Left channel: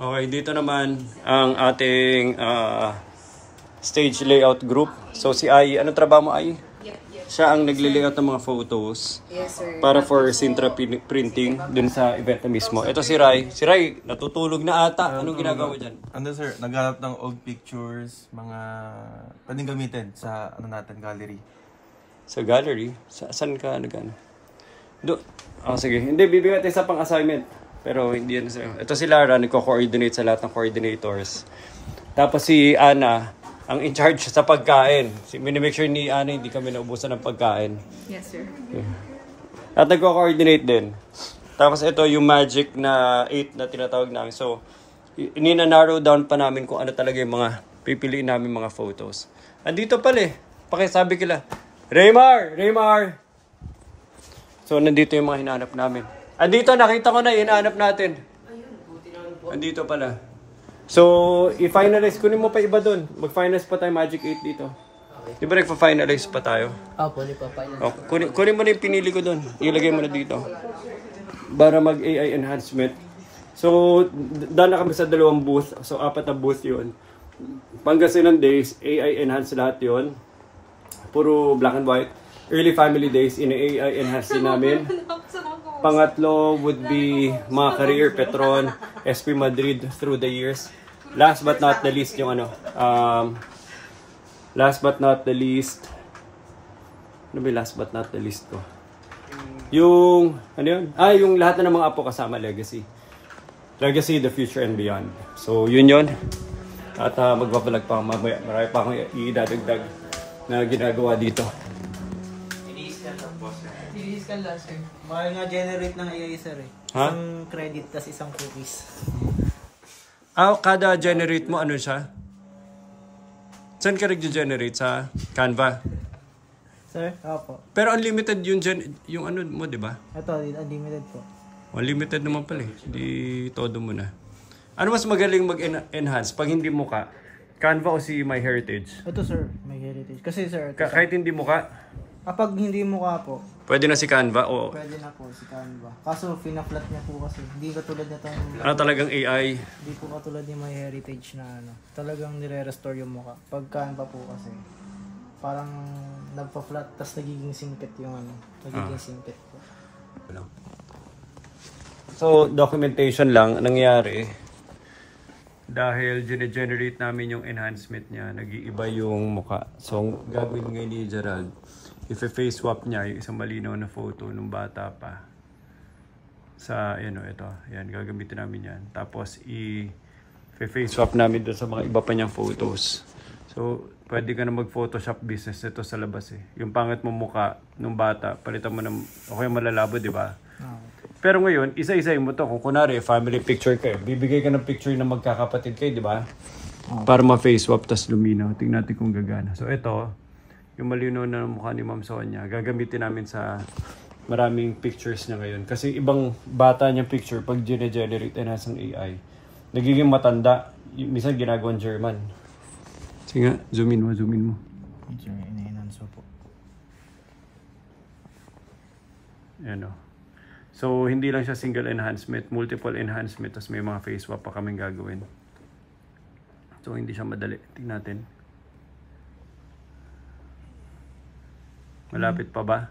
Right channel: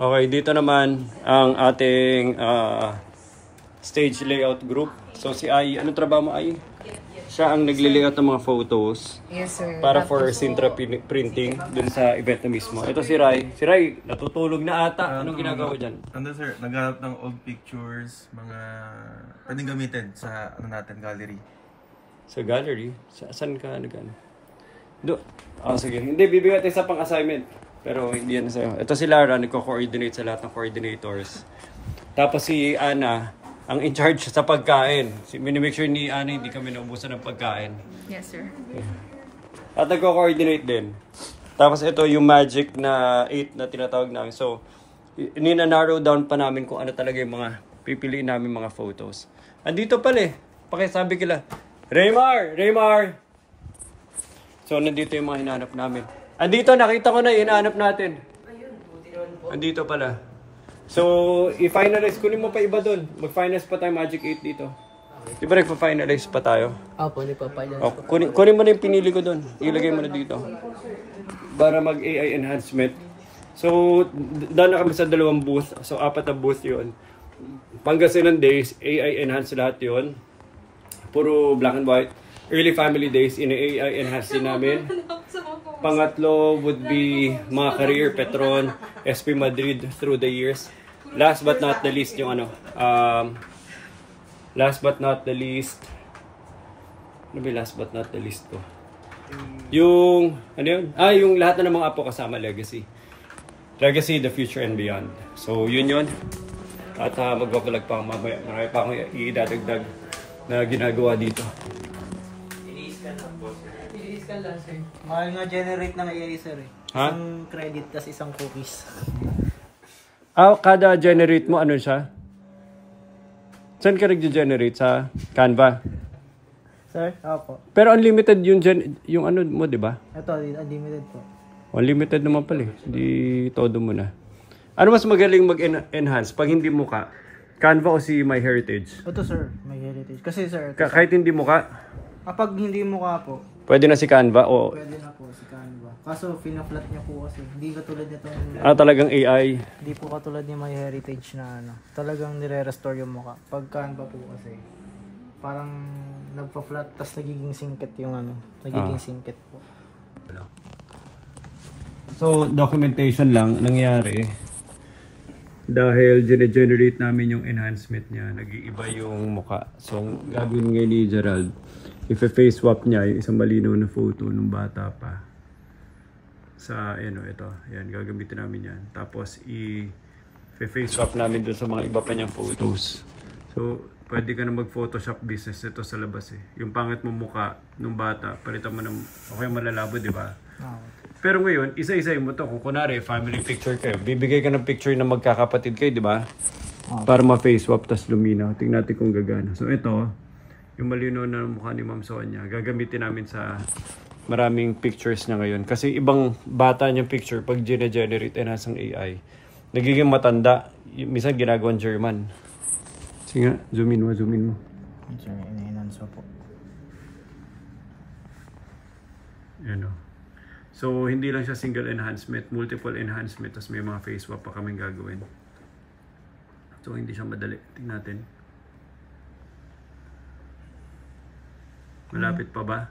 Okay, dito naman ang ating stage layout group. So si Ai, anong trabaho mo, Ai? Siya ang nagli-layout ng mga photos. Yes, sir. Para for Sintra printing dun sa event na mismo. Ito si Rai. Si Rai, natutulog na ata. Anong ginagawa dyan? Ano sir, naghanap ng old pictures, mga pwedeng gamitin sa natin, gallery. Sa gallery? Saan ka nag-ano? Sige. Hindi, bibigyan tayo sa pang-assignment. Pero hindi yan sa'yo. Ito si Lara, nagko-coordinate sa lahat ng coordinators. Tapos si Ana, ang in charge sa pagkain. Minimake sure ni Ana hindi kami naubusan ng pagkain. Yes, sir. Yeah. At nagko-coordinate din. Tapos ito yung magic na 8 na tinatawag namin. So, nina-narrow down pa namin kung ano talaga yung mga pipiliin namin mga photos. Andito pala eh. Pakisabi kila, Raymar! Raymar! So, nandito yung mga hinahanap namin. Andito, nakita ko na, hinahanap natin. Andito pala. So, i-finalize. Kunin mo pa iba doon. Mag-finalize pa tayo Magic 8 dito. Di ba nagpa-finalize pa tayo? Opo, nagpa-finalize. Oh, kunin mo na yung pinili ko doon. Ilagay mo na dito. Para mag-AI enhancement. So, daan na kami sa 2 booth. So, 4 na booth yun. Pangasinan days, AI enhance lahat yun. Puro black and white. Early family days, ina-AI enhance din namin. Pangatlo would be mga career, Petron, SP Madrid through the years. Last but not the least yung ano, last but not the least, ano ba last but not the least ko? Yung, ano yun? Yung lahat na ng mga apo kasama, legacy. Legacy, the future and beyond. So, yun. At magbabalag pa, marami pa akong idadagdag na ginagawa dito. Inis ka lang, sir. Mahal nga generate ng AI, sir eh. Ha? Isang credit, tas isang cookies. Kada generate mo, ano siya? Saan ka nag-generate? Sa Canva? Sir? Opo. Pero unlimited yung ano mo, di ba? Ito, unlimited po. Unlimited naman pala eh. Hindi todo mo na. Ano mas magaling mag-enhance pag hindi muka? Canva o si MyHeritage? Ito, sir. MyHeritage. Kasi, sir, Kahit hindi muka? kapag hindi mukha po, Pwede na si Canva o... pwede na po si Canva. Kaso, pinaplat niya po kasi. Hindi katulad nitong... talagang AI. Hindi po katulad ni MyHeritage na ano. Talagang nire-restore yung mukha. Pag Canva po kasi, parang nagpa-flat, tas nagiging singkit yung ano. Nagiging singkit po. So, documentation lang nangyari. Dahil generate namin yung enhancement niya, nag-iiba yung mukha. So, ang gagawin ngayon ni Gerald, i-face swap niya yung isang malinaw na photo nung bata pa. Sa, ito. Yan, gagamitin namin yan. Tapos, i-face swap namin doon sa mga iba pa niyang photos. So, pwede ka na mag-Photoshop business nito sa labas eh. Yung pangit mo mukha nung bata, palitan mo ng okay malabo, di ba? Pero ngayon, isa-isayin mo to. Kung kunwari, family picture kayo, bibigay ka ng picture na magkakapatid kayo, di ba? Para ma-face swap, tas luminaw. Tingnan natin kung gagana. So, ito, yung malinaw na mukha ni Ma'am Sonia, gagamitin namin sa maraming pictures niya ngayon. Kasi ibang bata niyang picture, pag generate enhance ng AI, nagiging matanda. Minsan ginagawang German. Sige nga, zoom in mo. Enhance po. Ano. So, hindi lang siya single enhancement, multiple enhancement, tapos may mga face swap pa kaming gagawin. So, hindi siya madali. Tingnan natin. Malapit pa ba?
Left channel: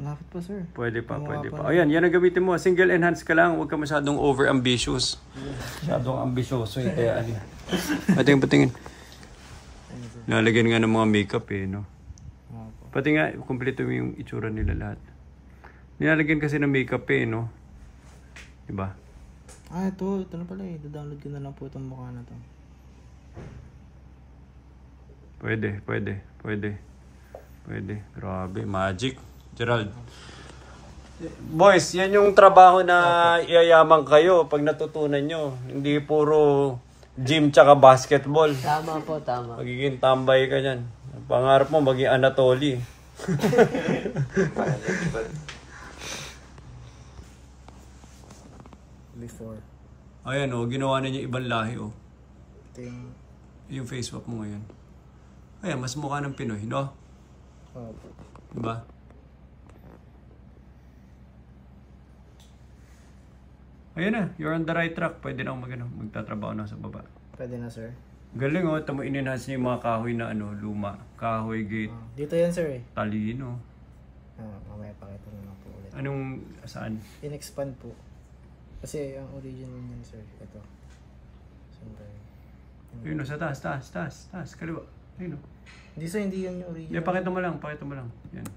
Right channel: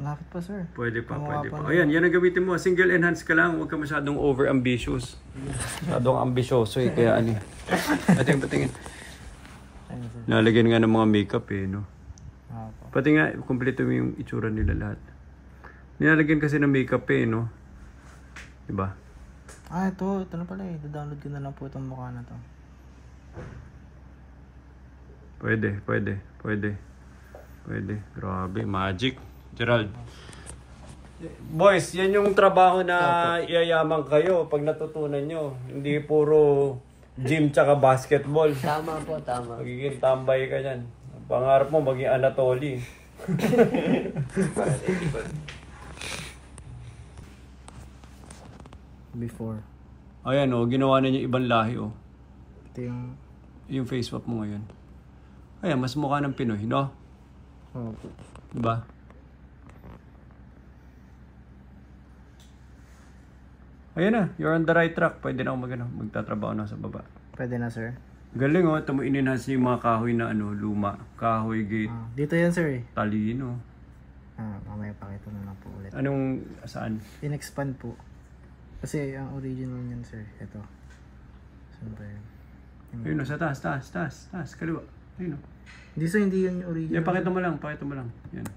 Malapit pa, sir. Pwede pa. Ayan, yan ang gamitin mo. Single enhance ka lang, huwag ka masyadong over-ambitious. Masyadong ambisyoso eh, kaya ano. Patingin. Nalagyan nga ng mga makeup eh, no? Pati nga, kompleto mo yung itsura nila lahat. Nilalagyan kasi ng makeup eh, no? Diba? Ito na pala eh. Download ko na lang po itong mukha na to. Pwede. Grabe, magic. Gerald. Boys, yan yung trabaho na iyayaman kayo pag natutunan nyo. Hindi puro gym tsaka basketball. Tama po, tama. Magiging tambay ka dyan. Pangarap mo maging Anatoly. Before. Ayan ginawa na niya ibang lahi Ito yung face swap mo ngayon. Ayan, mas mukha ng Pinoy, no? Diba? Ayun na, you're on the right track. Pwede na ako magtatrabaho na sa baba. Pwede na, sir. Galing oh, ito mo in-enhance niyo yung mga kahoy na luma. Kahoy gate, Dito yan, sir, eh. talino. Mamaya pakita mo na po ulit. Anong, saan? In-expand po. Kasi ang original niyan, sir, ito. Saan tayo? Ayun oh, sa taas, kaliwa. Ayun oh. Hindi, sir, hindi yan yung original. Pakita mo lang. Yan.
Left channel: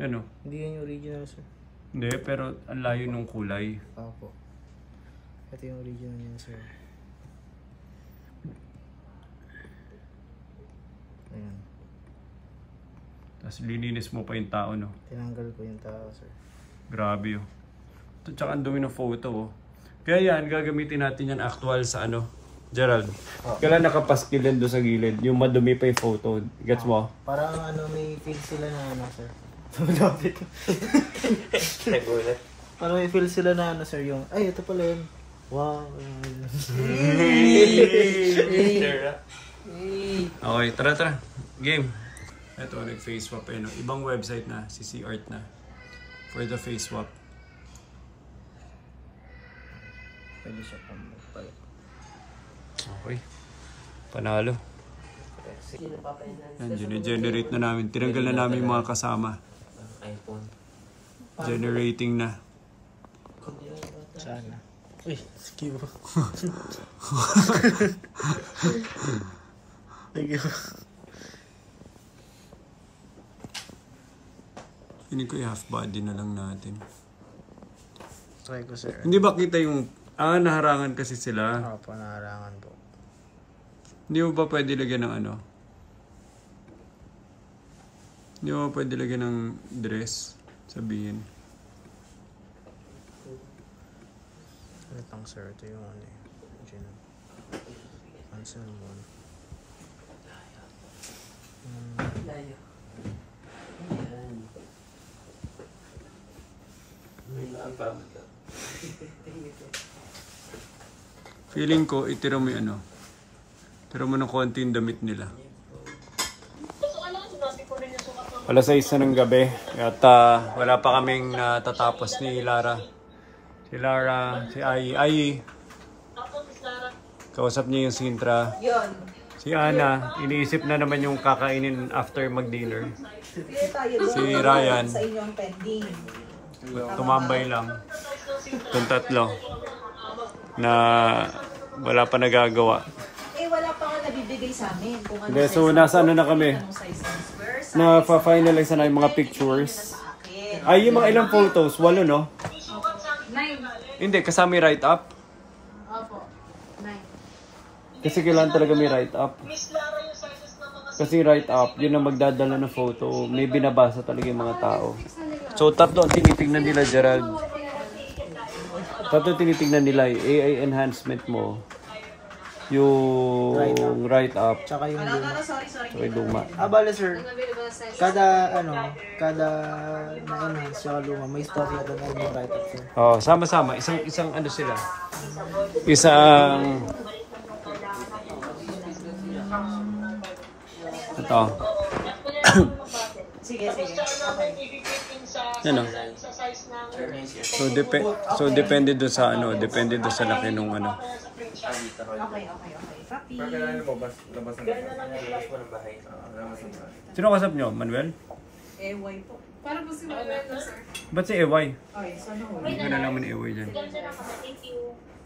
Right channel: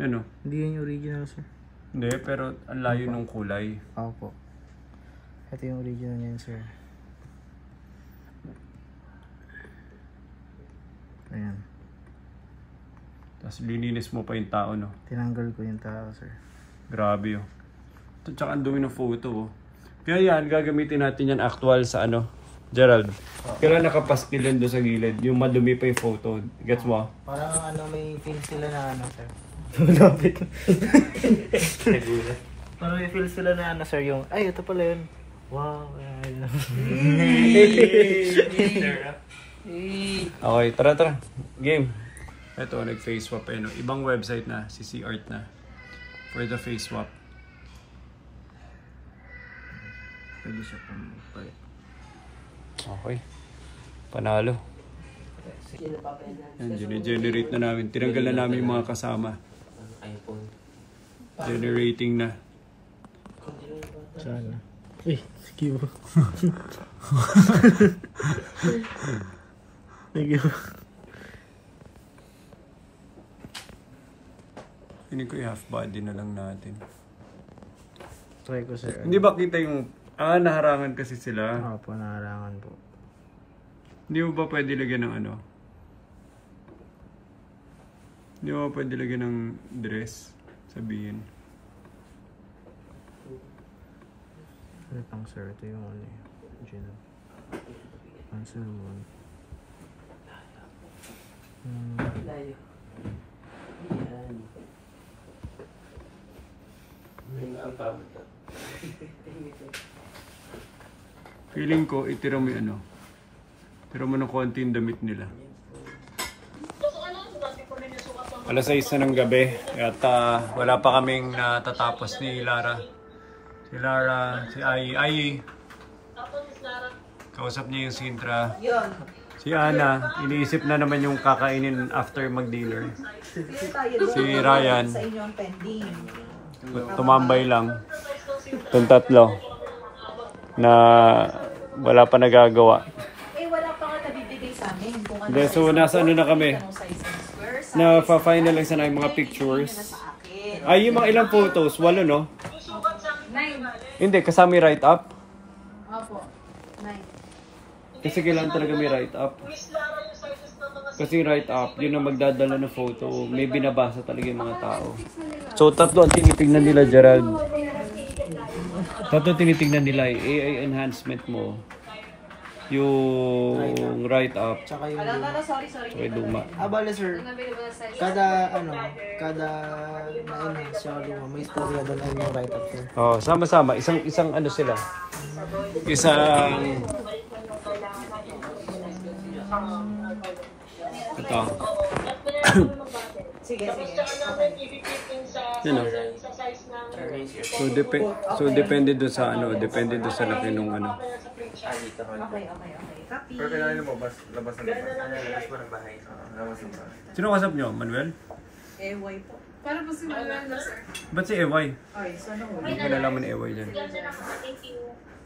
Yan oh. Hindi yan yung original, sir. Hindi, pero ang layo nung kulay. Opo. Ito yung original niyan, sir. Ayan. Tapos lininis mo pa yung tao, no? Tinanggal ko yung tao, sir. Grabe oh. Ito, tsaka ang dumi ng photo oh. Kaya yan, gagamitin natin yan actual sa Gerald. Kailan nakapaskil yan doon sa gilid, yung madumi pa yung photo. Gets mo? Parang may feel sila na sir. Tumulapit. Nagulat. Parang may feel sila na sir, yung, ay, ito pala yun. Wow. Okay, tara. Game. Ito, nag-face swap eh, no? Ibang website na, CC Art na. For the face swap. Pwede siya pala. Okay. Panalo. Yan, generate na namin. Tinanggal na namin yung mga kasama. Generating na. Sana. Uy, sige mo. Sige mo. Hindi ko i-half body na lang natin. Try ko, sir. Hindi ba kita yung... naharangan kasi sila. Opo, naharangan po. Hindi mo ba pwede lagyan ng Hindi mo ba pwede lagyan ng dress? Sabihin. Ano pang, sir? Ito yung Diyan. Cancel mo. Feeling ko, itira mo yung Tira mo ng konti yung damit nila. Alas 6 na ng gabi at wala pa kaming natatapos ni Lara. Si Lara, si Ai. Kausap niya yung Sintra. Si Ana, iniisip na naman yung kakainin after mag-dinner. Si Ryan, tumambay lang. Itong tatlo na wala pa nagagawa. Wala pa nga nabibigay sa amin. Hindi, so nasa na kami. Na-finalize na yung mga pictures. Ay, yung mga ilang photos, 8 no? Hindi, kasama yung write-up. Opo. 9. Kasi kailangan talaga may write-up. Kasi write-up, yun ang magdadala ng photo. May binabasa talaga yung mga tao. So, tatlo ang tinitignan nila, Gerald. Tatlo tinitignan nila, AI enhancement mo. Yung write-up. Tsaka yung luma. Okay, luma. Bale, sir. Kada na-enhance siya luma, may storya doon lang yung write-up, sir. Oh, sama-sama. Isang sila. Isang... Ito. Sige. Ano? So depende do sa depende do sa laki nung Okay. Copy. Pero kailangan lumabas ng bahay. Sino kasap nyo? Manuel? EY po. Para po si Manuel na, sir. Ba't si EY? Okay, so ano? Hindi ko nalaman ni EY dyan.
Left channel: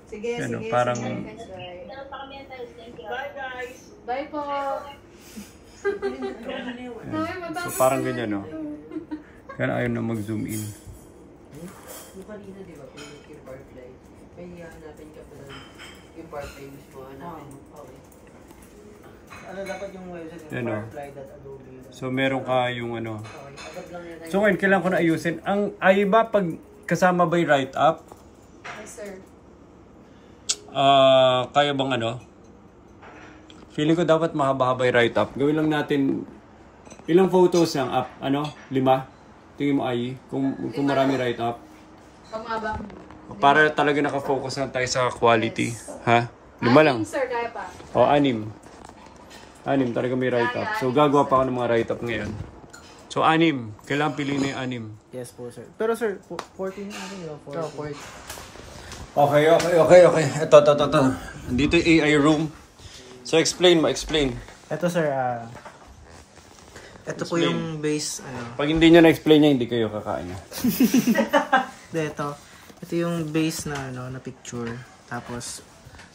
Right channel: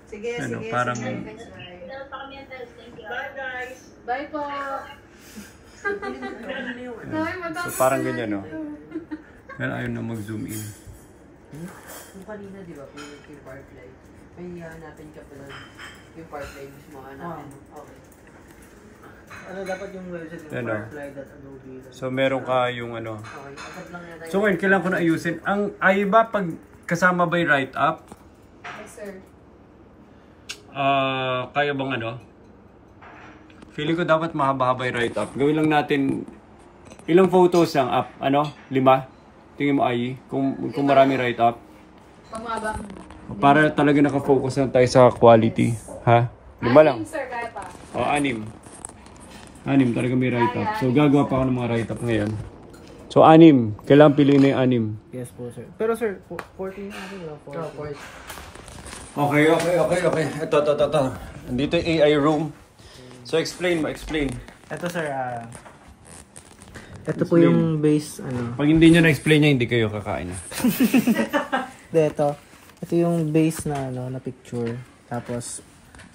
Sige. Parang... Bye, guys. Bye po. So parang ganyan, no? Kaya ayaw na mag-zoom in. Yung kanina, di ba, yung Firefly, may hanapin ka pala yung Firefly mismo hanapin mo. Dapat yung website yung Yan, no? firefly.adobe. So meron ka yung Okay, agad lang yan. So ngayon, kailangan ko na ayusin. Ay ba pag kasama ba yung write-up? Yes, sir. Kaya bang Feeling ko dapat mahaba-haba yung write-up. Gawin lang natin, ilang photos lang up? 5? Tingin mo ay, kung marami write-up. Pamaba. Para talaga nakafocus lang tayo sa quality. Ha? 5 lang. Sir, kaya pa. O, 6. 6 talaga may write-up. So gagawa pa ako ng mga write-up ngayon. So, 6. Kailangan piliin na yung 6. Yes po, sir. Pero sir, 14 ako yun. 14. Okay. Ito. Dito yung AI room. So, explain. Ito sir, ito po yung base, Pag hindi nyo na-explain niya, hindi kayo kakain na. Ito yung base na na picture. Tapos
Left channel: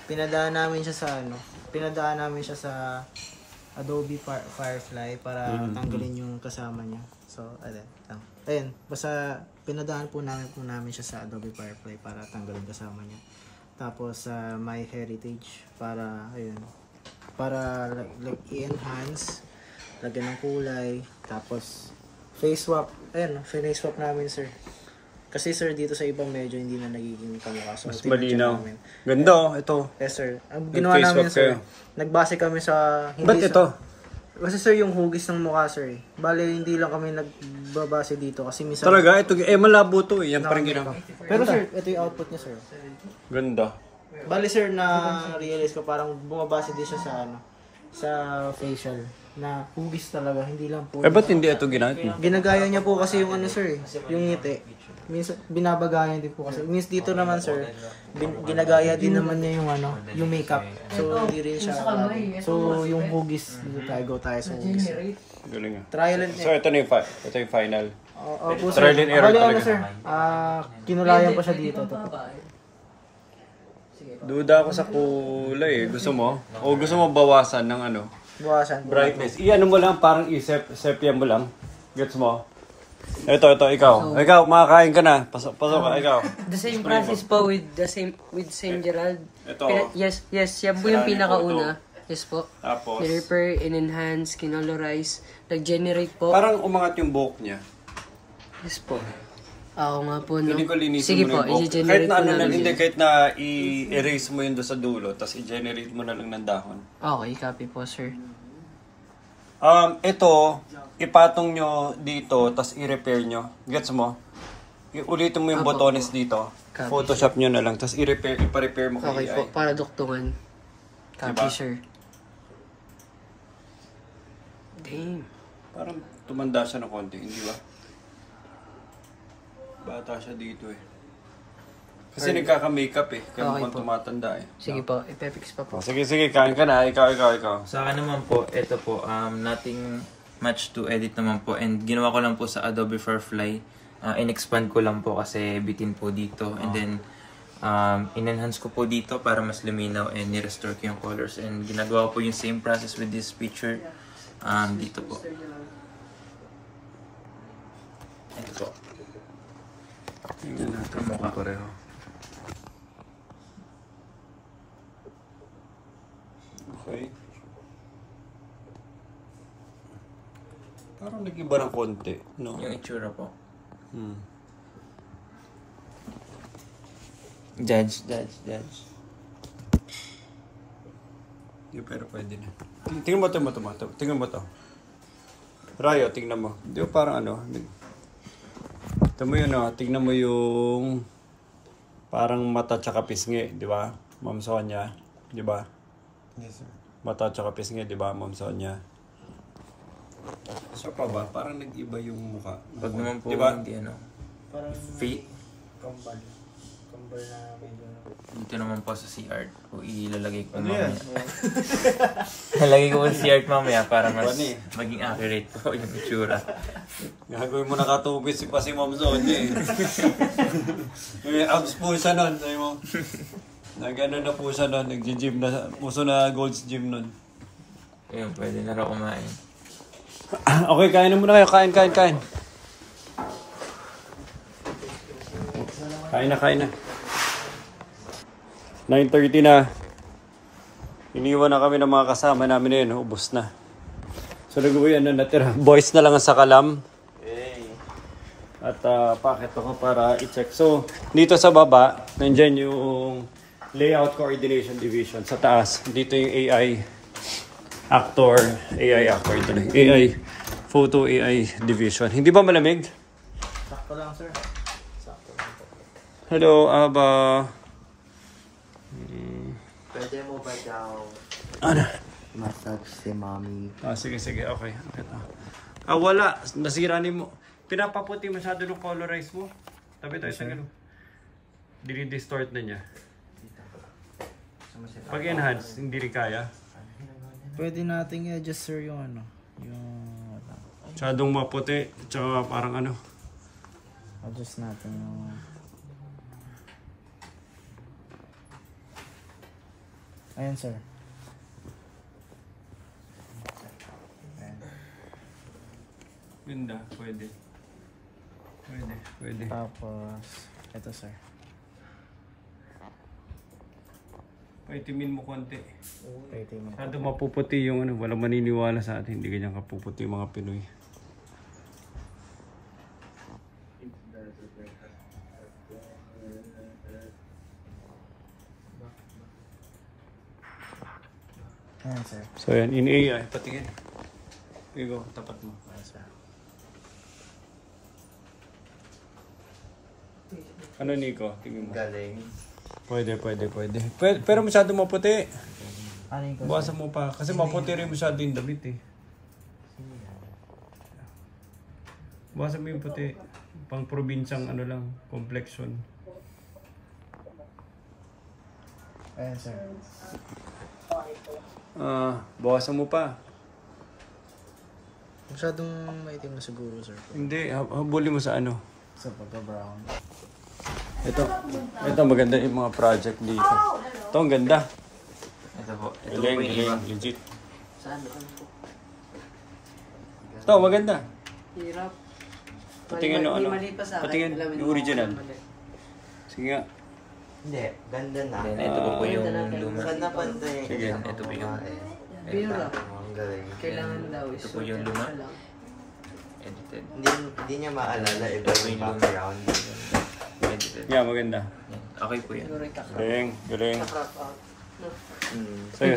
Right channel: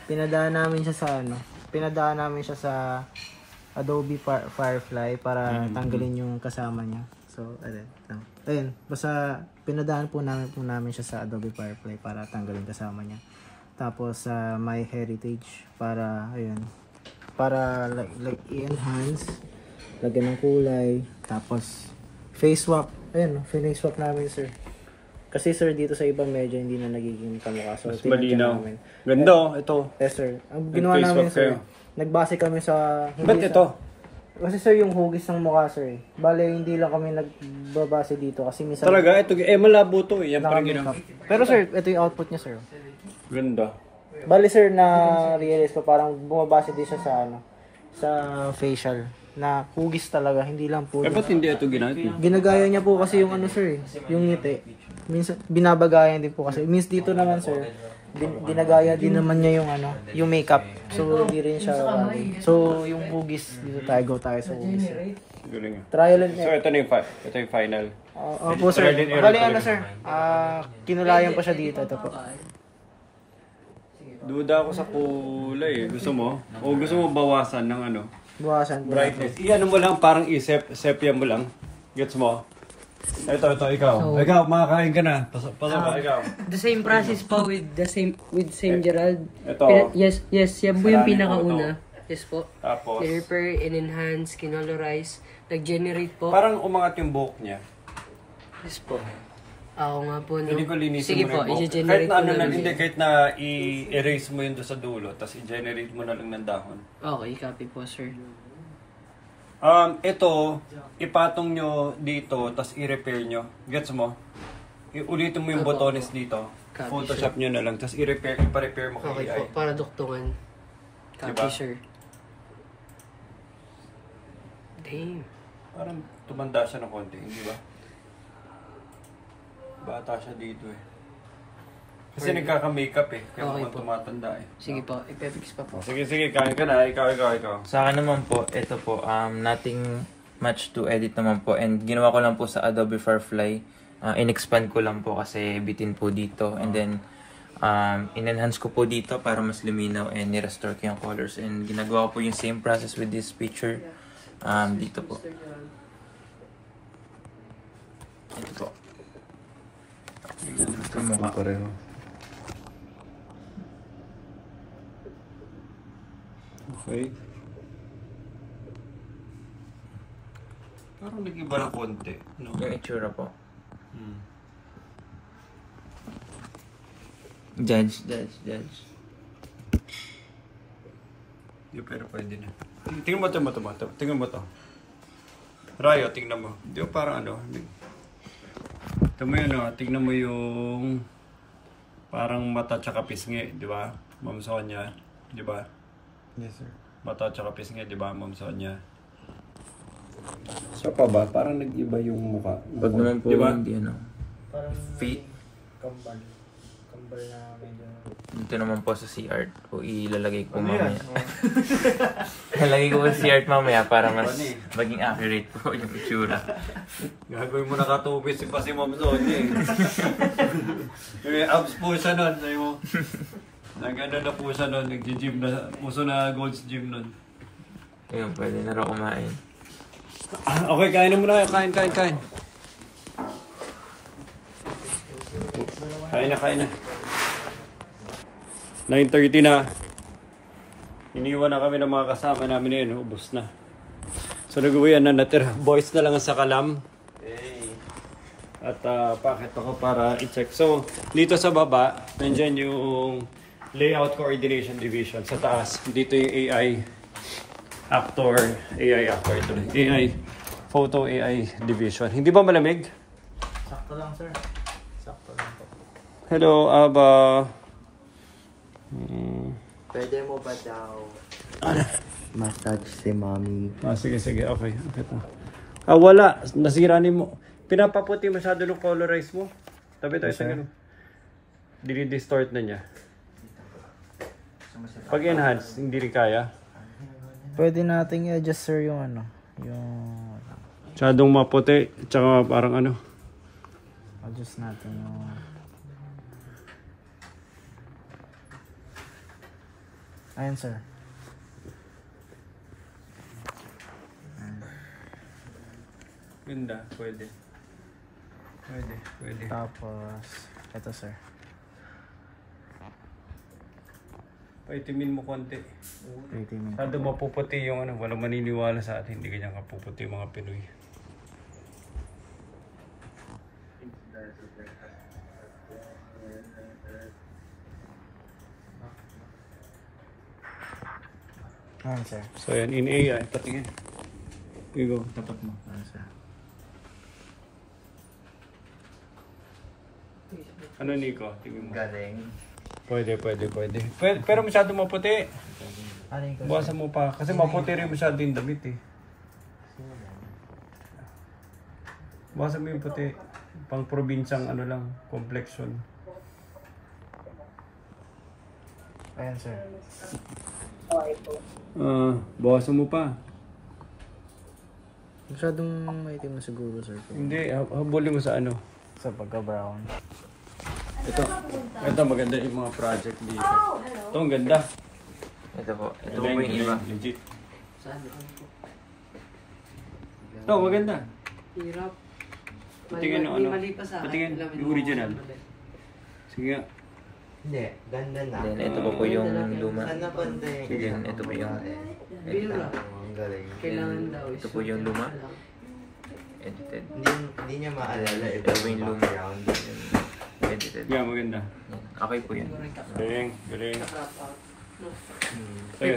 pinadaan namin siya sa Adobe Firefly para tanggalin yung kasama niya. So, ayun. Basta pinadaan po namin siya sa Adobe Firefly para tanggalin kasama niya. Tapos My Heritage para like i-enhance, lagyan ng kulay, tapos face swap. Ayun, face swap namin, sir. Kasi sir, dito sa ibang medyo hindi na nagiging kamukha. So, mas malinaw. Ganda, ito. Yes, sir. Ang ginawa namin, sir, nagbase kami sa... Ba't ito? Kasi sir, yung hugis ng mukha, sir. Bale, hindi lang kami nagbabase dito kasi minsan... Talaga? Ito, malabo to eh. Yan pa rin ginagawa. Pero sir, ito yung output niya, sir. Ganda. Bale, sir, na-realize ko parang bumabase din siya sa facial. Na hugis talaga, hindi lang po. Ba't hindi ito ginagawa? Ginagaya niya po kasi yung sir, yung ngiti. Minsan binabagayan din po kasi. Minsan dito naman, sir, ginagaya din naman niya yung makeup. So hindi rin siya bagay. So yung hugis, dito go tayo sa hugis. Galing. Trial and So ito na yung final. Opo, sir. Trial and error Bali, talaga. sir, kinulayan pa siya dito. Ito po. Duda ako sa kulay eh. Gusto mo? O gusto mo bawasan ng Buwasan po. brightness? Iyan mo lang, parang sepia mo lang. Gets mo? Ito, ikaw. Ikaw, makakain ka na. Pasok ka, ikaw. The same process po with same Gerald. Ito. Yes, yan po yung pinakauna. Yes po. Tapos, Repair, in-enhance, kinolorize, nag-generate po. parang umangat yung buhok niya. Yes po. Oo nga po. No? Hindi ko linisin Sige mo na po, yung buhok. i-generate Kahit na po namin. kahit na i-erase mo yun doon sa dulo, tapos i-generate mo na lang ng dahon. Okay, copy po, sir. Ito, ipatong nyo dito, tapos i-repair nyo. Gets mo? Ulitin mo yung botones dito. Copy, Photoshop nyo na lang, tapos ipa-repair mo Okay kay po, AI. para duktungan. Copy, Diba? sir. Damn. Parang tumanda siya ng konti, hindi ba? Bata siya dito eh. Kasi nagkaka-makeup eh, kaya Okay mukhang po. tumatanda eh. Sige po, ipefix pa po. Sige, kain ka na. Ikaw. Sa akin naman po, ito po, nothing much to edit naman po. And ginawa ko lang po sa Adobe Firefly. In-expand ko lang po kasi bitin po dito. And then, in-enhance ko po dito para mas luminaw and ni-restore ko yung colors. And ginagawa ko po yung same process with this picture dito po. Ito po. Tama ba pareho? Okay. Parang nag-iba ng konti. No? Yung itsura po. Judge. Hindi, pero pwede na. Tingnan mo to. Rayo, tingnan mo. Hindi, parang tingnan mo yun, tingnan mo yung parang mata tsaka pisngi, di ba? Ma'am Sonia, di ba? Yes, sir. Mata tsaka pisngi, di ba, Ma'am Sonia? So pa ba? Parang nag-iba yung mukha. Pag naman po, di ba? hindi Parang Feet. kambal na Dito naman po sa CR po ilalagay ko Ano yan? mamaya. Lalagay ko sa CR mamaya para mas Ano eh? maging accurate po yung itsura. Gagawin mo nakatubis pa si Ma'am Sonia eh. May abs po siya nun, sabi mo. Nag-ano na po siya nun, nag-gym na, uso na Gold's Gym nun. Ayun, pwede na raw kumain. Okay, kain na muna kayo. Kain. Kain na. 9:30 na. Iniwan na kami ng mga kasama namin yun. Ubus na. So, nag-uwian na natira. Boys na lang ang sakalam. At pakit ako para i-check. So, dito sa baba, nandyan yung Layout Coordination Division. Sa taas, dito yung AI actor ito na. AI Photo AI Division. Hindi ba malamig? sakto lang, sir. Sakto lang po. Hello, Aba. Pwede mo ba daw massage si mommy? Sige. Okay. Ito. Ah, wala. Nasira ni mo. Pinapaputi masyado ng colorize mo. Tabi tayo sa gano'n. Dinidistort na niya. Pag enhance, hindi rin kaya. Pwede nating i-adjust sir yung ano. Yung... Masyadong maputi. Tsaka parang ano. Adjust natin yung... Ayan sir. Ganda. Pwede. Pwede. Tapos, ito sir. Paitimin mo konti. Paitimin. Masyado mapuputi yung ano. Walang maniniwala sa atin. Hindi ganyan kapuputi mga Pinoy. Ayan sir. So yan, in AI, patingin. Igo, tapat mo. Ayan sir. Ano Nico? Tingin mo. Galing. Pwede. Pero masyado maputi. Ano yung Bukasan mo pa. Kasi maputi rin masyado yung damit eh. Bukasan mo yung puti. Pang probinsyang ano lang, complexion. Ayan sir. Bukasan mo pa. Masyadong maitim na siguro sir. Hindi, habulin mo sa ano. Sa pagka-brown. Ito maganda yung mga project dito. Ito ang ganda. Ito po. Galing, legit. Saan? Ano po? Ito, maganda. Hirap. Patingin ano. Mali pa sa akin. Patingin, Alam yung mo, original. mali. Sige nga. Hindi, ganda na. Then, ito po yung luma. Saan na pantay? Sige. Ito po yung... Bira. Ang galing. Kailangan daw. Ito po yung luma. Edited. Hindi niya maalala iba Ito po yung yung luma. background. Edited. Yeah, maganda. Okay po yan. Galing. Sayo.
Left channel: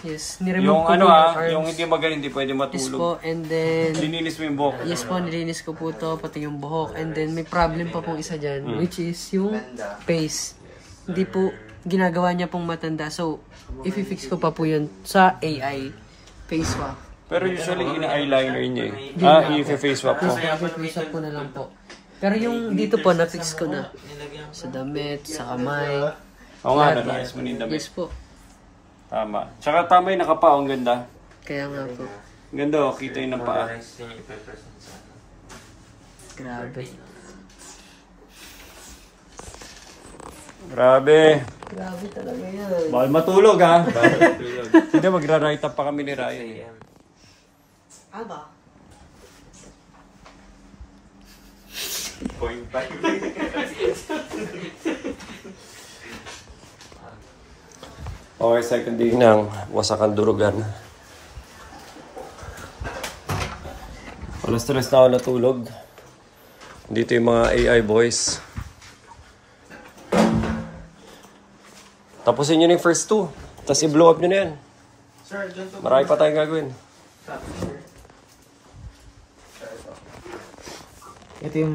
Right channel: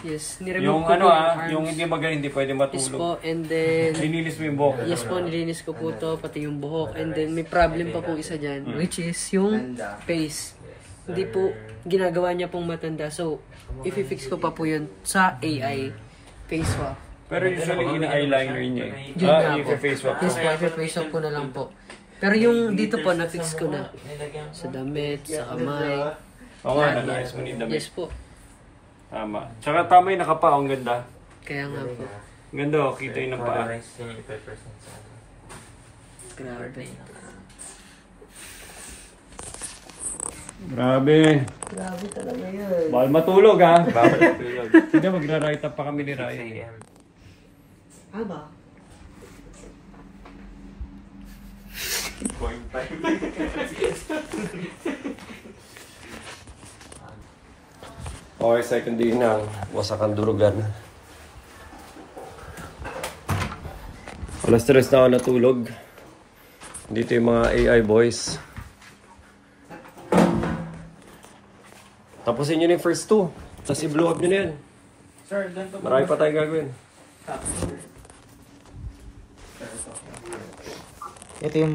Yes, Yung ano yung hindi magaling, hindi pwede Yes matulog. po, and then... Lininis mo yung buhok. Yes po, nilinis ko po to, pati yung buhok. And then may problem pa po isa dyan, which is yung face. Hindi po ginagawa niya pong matanda. So, i-fix ko pa po yun sa AI face swap. Pero usually ina-eyeliner niya eh. Yun nga po. I-face swap Yes ko. po, i-face swap ko na lang po. Pero yung dito po, na-fix ko na. Sa damit, sa kamay. Oo nga, nais mo yung damit. Yes po. Tama. Tsaka tama yung nakapa, ang ganda. Kaya nga po. Ang ganda, kita yung ng paa. Grabe. Grabe. Grabe talaga yan. Bawal matulog ha. Bawal matulog. Hindi, magra-write up pa kami ni Ryan. Aba. Okay, second day ng Wasakan Durugan. Alas 3 na ako natulog. Dito yung mga AI boys. Tapusin nyo na yung first two. Tapos i-blow up nyo na yan. Sir, ganito Marami pa tayong gagawin. Ito yung...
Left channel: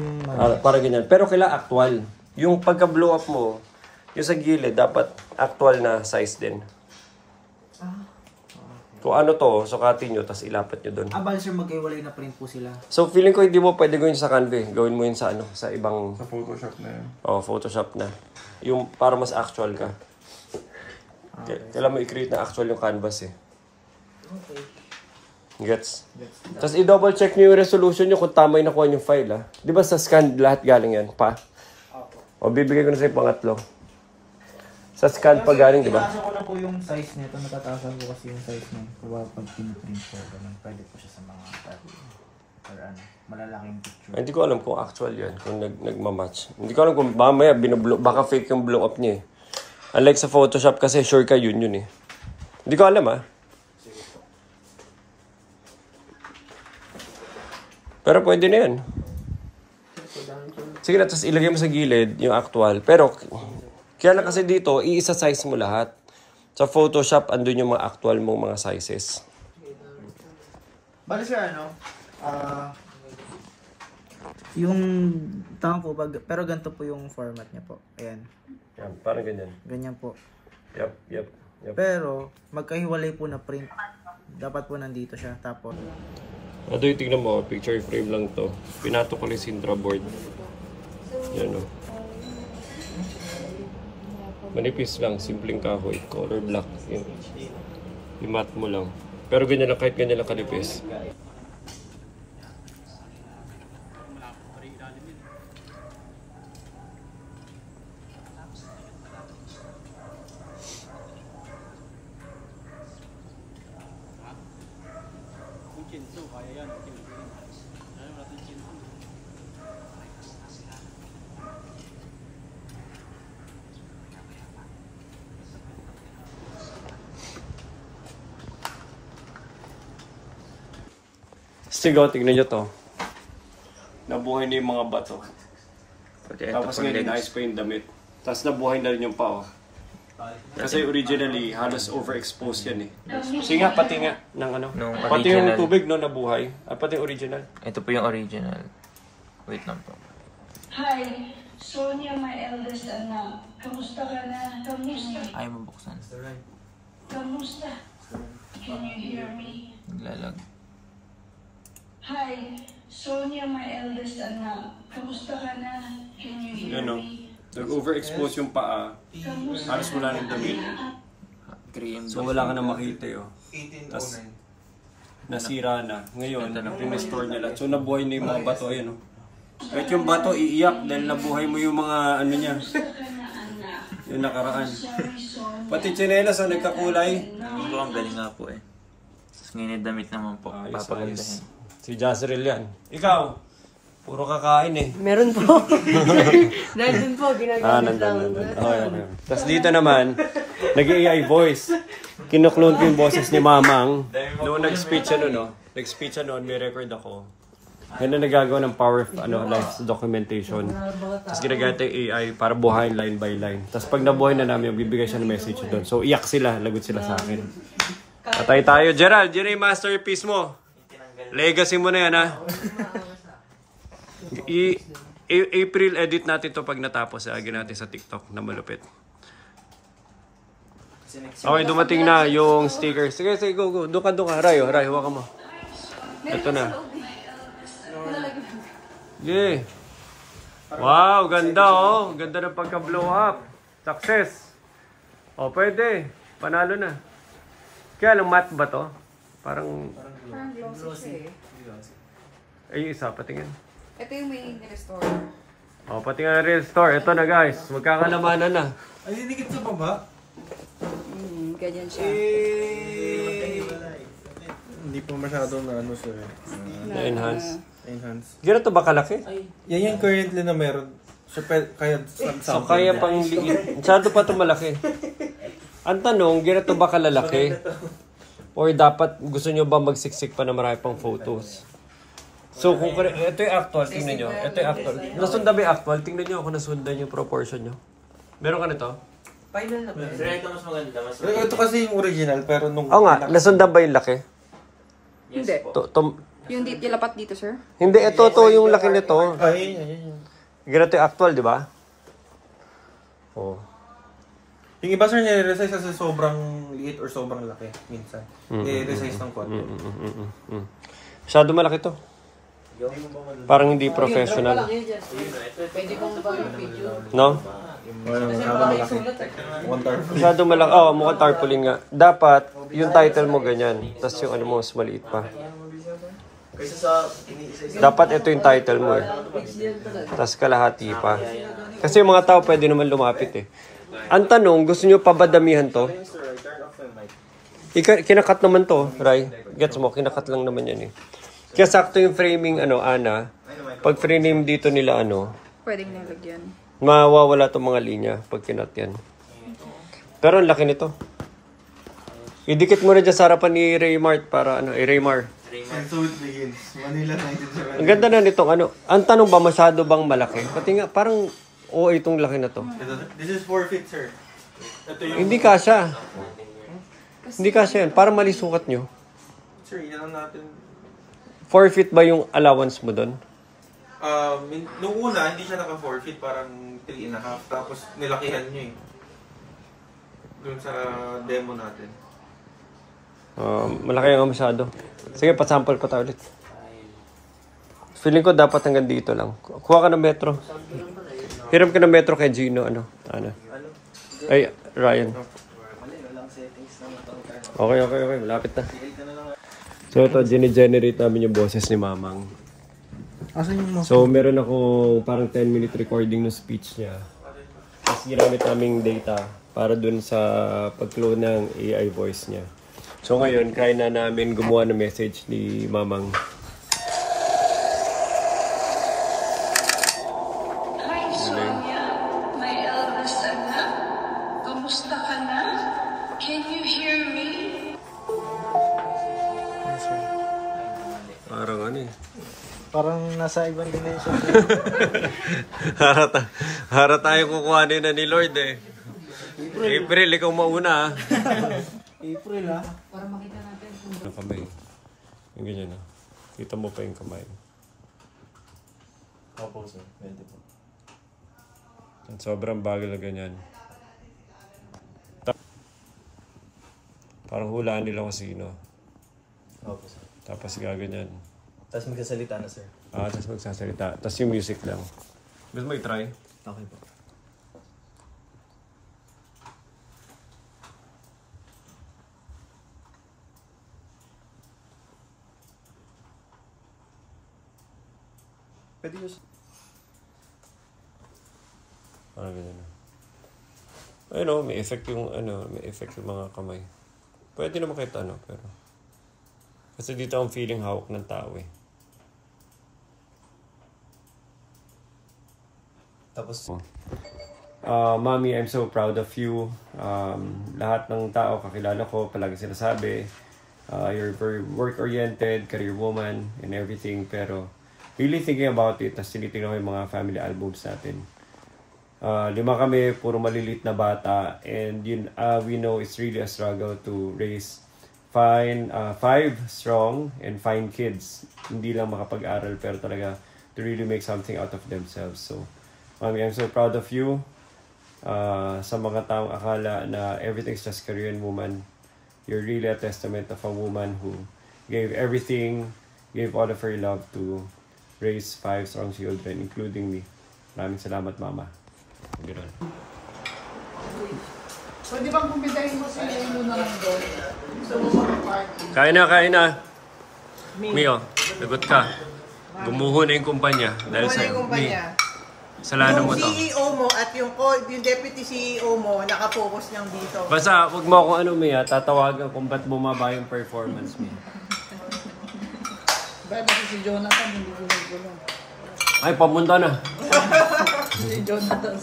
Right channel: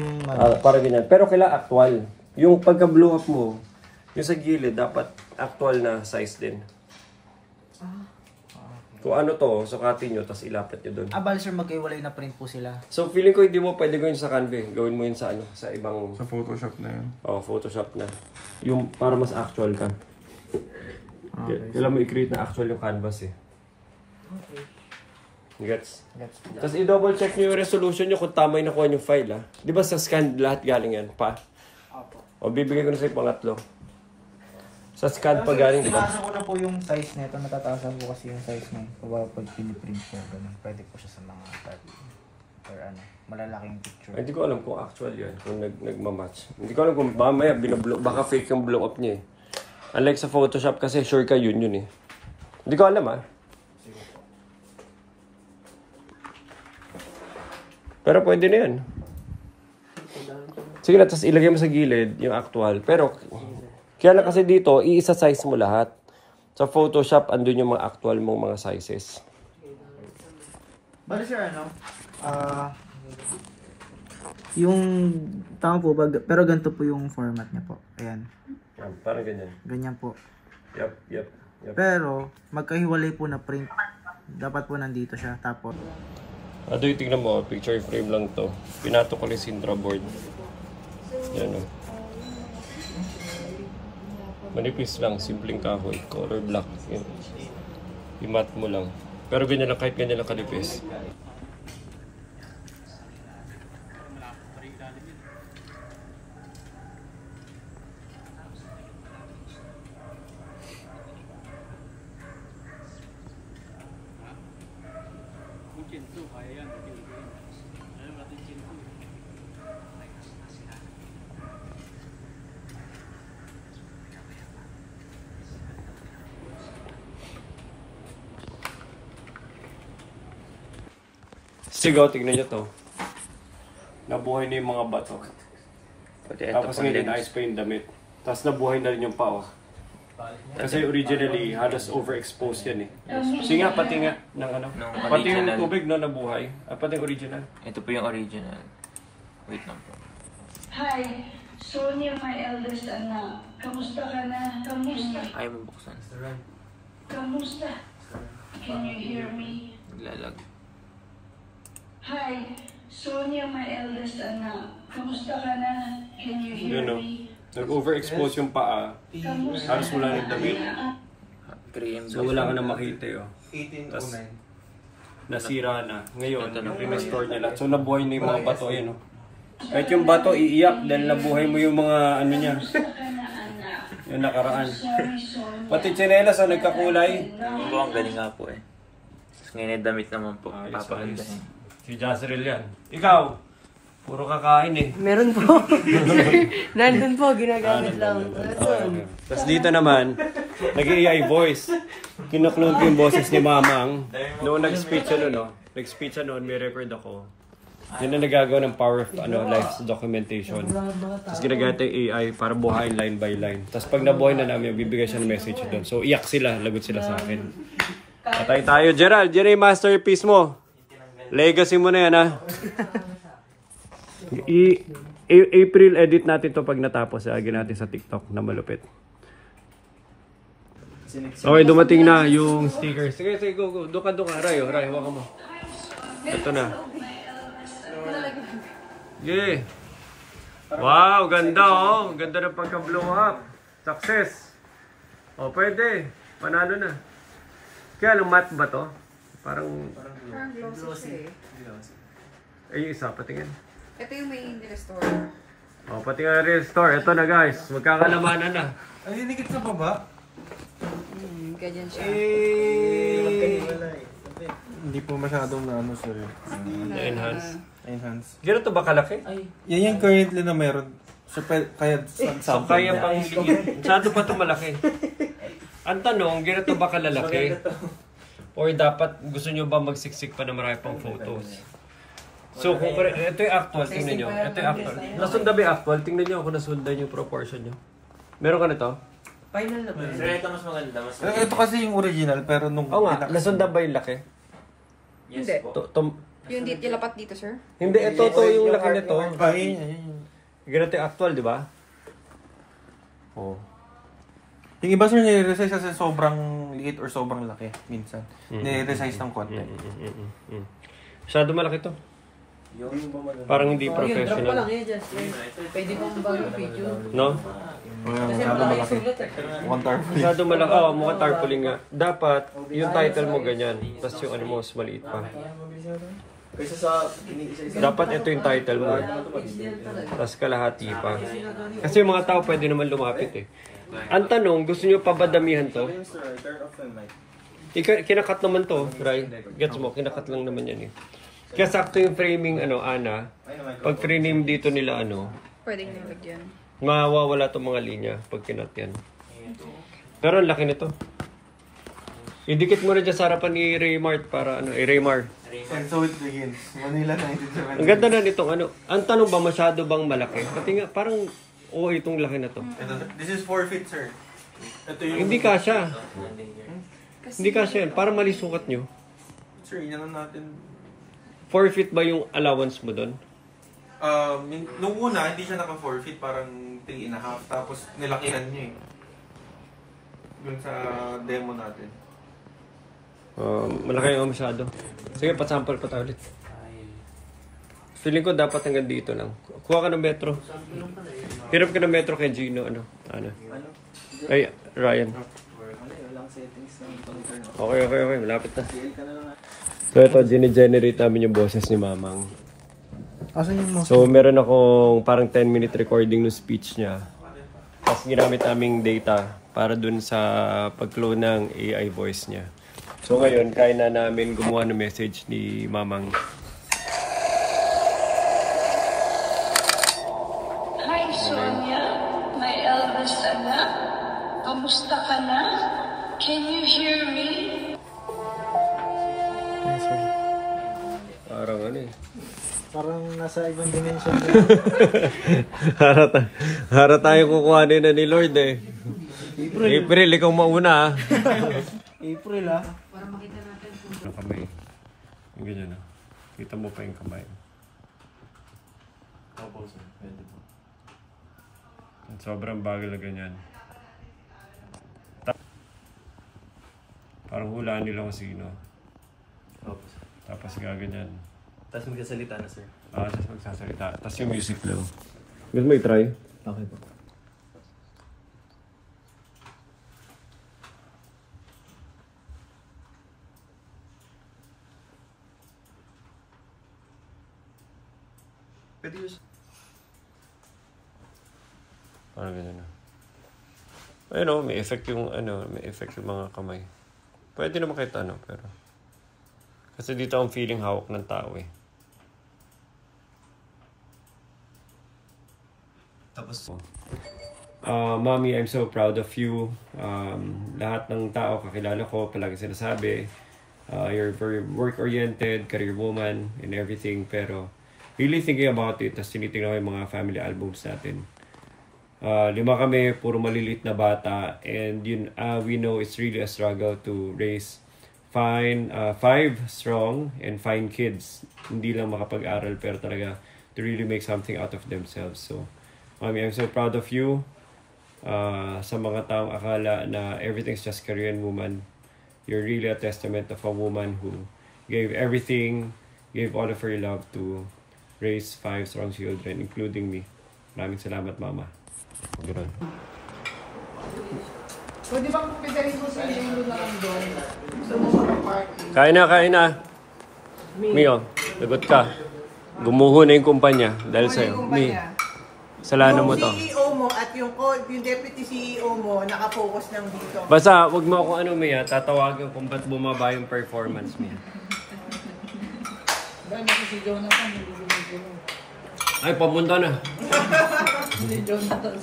Para ganyan. Pero kailangan actual. Yung pagka-blow up mo, yung sa gilid, dapat actual na size din. Kung ano to, sukatin nyo, tapos ilapat nyo doon. Bali sir, magkaiwalay na print po sila. So feeling ko hindi mo pwede gawin sa Canva. Gawin mo yun sa ano, sa ibang... Sa Photoshop na yun. Photoshop na. Yung para mas actual ka. Kailangan mo i-create na actual yung canvas eh. Gets? Tapos i-double check nyo yung resolution nyo kung tama yung nakuha yung file ah. Di ba sa scan lahat galing yan? Pa? O bibigay ko na sa'yo pangatlo. Sa scan pa galing, di ba? Nasa ko na po yung size nito. Natataasan ko kasi yung size nito. Pag piniprint po, ganun. Pwede po siya sa mga or ano, malalaking picture. Hindi ko alam kung actual yan, kung nagmamatch. Hindi ko alam kung mamaya baka fake yung blow up niya eh. Unlike sa Photoshop kasi sure ka yun eh. Hindi ko alam ah. Pero pwede na yan. Sige na, tapos ilagay mo sa gilid yung actual. Pero, kaya na kasi dito, iisa size mo lahat. Sa Photoshop, andun yung mga actual mong mga sizes. Bali sir, ano? Yung, tama po, pero ganito po yung format niya po. Ayan. Yan, parang ganyan. Ganyan po. Yep. Pero, magkahiwalay po na print. Dapat po nandito siya. Tapos, Adoy, tingnan mo, picture frame lang to. Pinato ko yung Sintra board. Yan o. Manipis lang, simpleng kahoy. Color black. Yan. I-mat mo lang. Pero ganyan lang, kahit ganyan lang kanipis. Sigaw, tingnan nyo to. Nabuhay na yung mga bato. Tapos ngayon, ice pa yung damit. Tapos nabuhay na rin yung pao. Kasi originally, halos overexposed yan eh. Sige nga, pati nga ng ano. Pati yung tubig no, nabuhay. Pati yung original. Ito po yung original. Wait lang po. Hi, Sonia, my eldest anak. Kamusta ka na? Kamusta? Ayaw mo buksan. Kamusta? Can you hear me? Naglalag. Hi, Sonia, my eldest anak. Kamusta ka na? Can you hear me? Nag-overexpose yung paa. Halos wala ng damit. So wala ka na makita yun. 1809. Nasira na. Ngayon, pinastore niya lang. So nabuhay na yung mga bato. Ayan o. Kahit yung bato, iiyak dahil nabuhay mo yung mga ano niya. Yung nakaraan. Pati tsinelas o nagkakulay. Ito ang galing nga po eh. Tapos ngayon damit naman po. Papagandahin. Si Jazreel yan. Ikaw, puro kakain eh. Meron po. Nandun po, ginagamit nandun. Tapos dito naman, nag-AI voice. Kinuklone ko yung boses ni Mamang. Noong nag-speech nag-speech may record ako. Yan na nagagawa ng power of life documentation. Tapos ginagamit yung AI para buhayin line by line. Tapos pag nabuhay na namin, bibigay siya ng message doon. So iyak sila, lagot sila sa akin. Patay tayo. Gerald, yan yung masterpiece mo. Legacy mo na yan, ha? April edit natin to pag natapos. Agin natin sa TikTok na malupit. Okay, dumating na yung sticker. Sige, go. Doon ka. Ray, hawakan mo. Ito na. Okay. Wow, ganda oh. Ganda ng pagka-blow up. Success. Oh, pwede. Panalo na. Kaya lang matte ba to? Parang glossy siya eh. ay, isa, patingin. Ito yung may restore. O, patingin na restore. Ito na guys, magkakalamanan na. Ay, dinikit sa baba? Ganyan siya. Hindi po masyadong na ano sir. Na-enhance. Enhance. Gano'n to ba kalaki? Yan yung currently na meron. So, kaya So, kaya pang liit. Masyado pa ito malaki. Ang tanong, gano'n to ba kalalaki? Or dapat gusto nyo ba magsiksik pa na marami pang photos? So, kung ito yung actual, tingnan nyo. Ito yung actual. Nasundan ba yung actual? Tingnan nyo kung nasundan yung proportion nyo. Meron ka nito? Final na po. Ito mas maganda. Ito kasi yung original, pero nung... Oo nga, nasundan ba yung laki? Yes Hindi. po. Yung ilapat dito, sir? Hindi, ito yung laki nito. Ay. Ganito yung actual, di ba? Oh. Yung iba sir, nire-resize kasi sobrang liit or sobrang laki minsan. Nire-resize ng konti. Masyado malaki to. Parang hindi professional. Pwede po ba yung video? No? Masyado malaki. One tarpaulin. Masyado malaki. Oh, mukhang tarpaulin nga. Dapat, yung title mo ganyan. Tapos yung ano mo, mas maliit pa. Dapat ito yung title mo eh. Tapos kalahati pa. Kasi yung mga tao pwede naman lumapit eh. Ang tanong, gusto nyo pa ba damihan to? Kinakat naman to, Ray. Gets mo, kinakat lang naman yan eh. Kaya sakto yung framing, Ana. Pag frame dito nila, Pwedeng nilagyan. mawawala itong mga linya pag kinat yan. Pero ang laki nito. Idikit mo na dyan sa harapan ni Raymart para Raymar. So it begins. Manila 1970. Ang ganda na nitong Ang tanong ba, masyado bang malaki? Pati nga, parang itong laki na to. This is 4 feet, sir. Ito yung... Hindi kasya. Hindi kasya yan. Parang mali sukat nyo. Sir, inanon natin. 4 feet ba yung allowance mo doon? Nung una, hindi siya naka 4 feet, parang 3.5. Tapos nilakihan nyo eh. Doon sa demo natin. Malaki nga masyado. Sige, pa-sample ko tayo ulit. Feeling ko dapat hanggang dito lang. Kuha ka ng metro. Hiram ka ng metro kay Gino. Ano? Ay, Ryan. Okay. Malapit na. So ito, gine-generate namin yung boses ni Mamang. So meron akong parang 10-minute recording ng speech niya. Tapos ginamit naming data para dun sa pag-clone ng AI voice niya. So ngayon, kaya na namin gumawa ng message ni Mamang. Hi, Sonia, my eldest anak. Kamusta ka na? Can you hear me? Yes, sir. Parang ano eh. Parang nasa ibang dimension. Para tayo kukuhanin na ni Lord eh. April, ikaw mauna ah. April ah. Ang kamay. Yung ganyan ah. Kita mo pa yung kamay. Opo, sir. Pwede po. Sobrang bagal na ganyan. Parang hulaan nila kung sino. Opo, sir. Tapos gaganyan. Tapos magsasalita na, sir. Tapos magsasalita. Tapos yung music lang. Gusto mo i-try? Okay po. Pwede yun. Parang ganyan na. Ayun o, may effect yung mga kamay. Pwede naman kahit ano, pero... Kasi dito ang feeling hawak ng tao eh. Tapos... Mommy, I'm so proud of you. Lahat ng tao kakilala ko, palagi sinasabi, you're very work-oriented, career woman, and everything. Pero really thinking about it, tapos tinitingnan ko yung mga family albums natin. 5 kami, puro malilit na bata, and yun, we know it's really a struggle to raise 5 strong and fine kids. Hindi lang makapag-aral, pero talaga to really make something out of themselves. So, Mommy, I'm so proud of you. Sa mga taong akala na everything's just career and woman, you're really a testament of a woman who gave everything, gave all of her love to raise 5 strong children, including me. Maraming salamat, Mama. So, di ba kung bigay mo sa inyo na lang doon? So, Kain na. Mio, lagot ka. Gumuho na yung kumpanya dahil sa'yo. Mi, salanan mo to. Yung CEO mo at yung deputy CEO mo, nakapokus lang dito. Basta, wag mo akong Mia, tatawagan kung ba't bumaba yung performance, Mia. Ba, nasa si Jonathan, hindi ko siguro. Ay, pamunta na. Si Jonathan.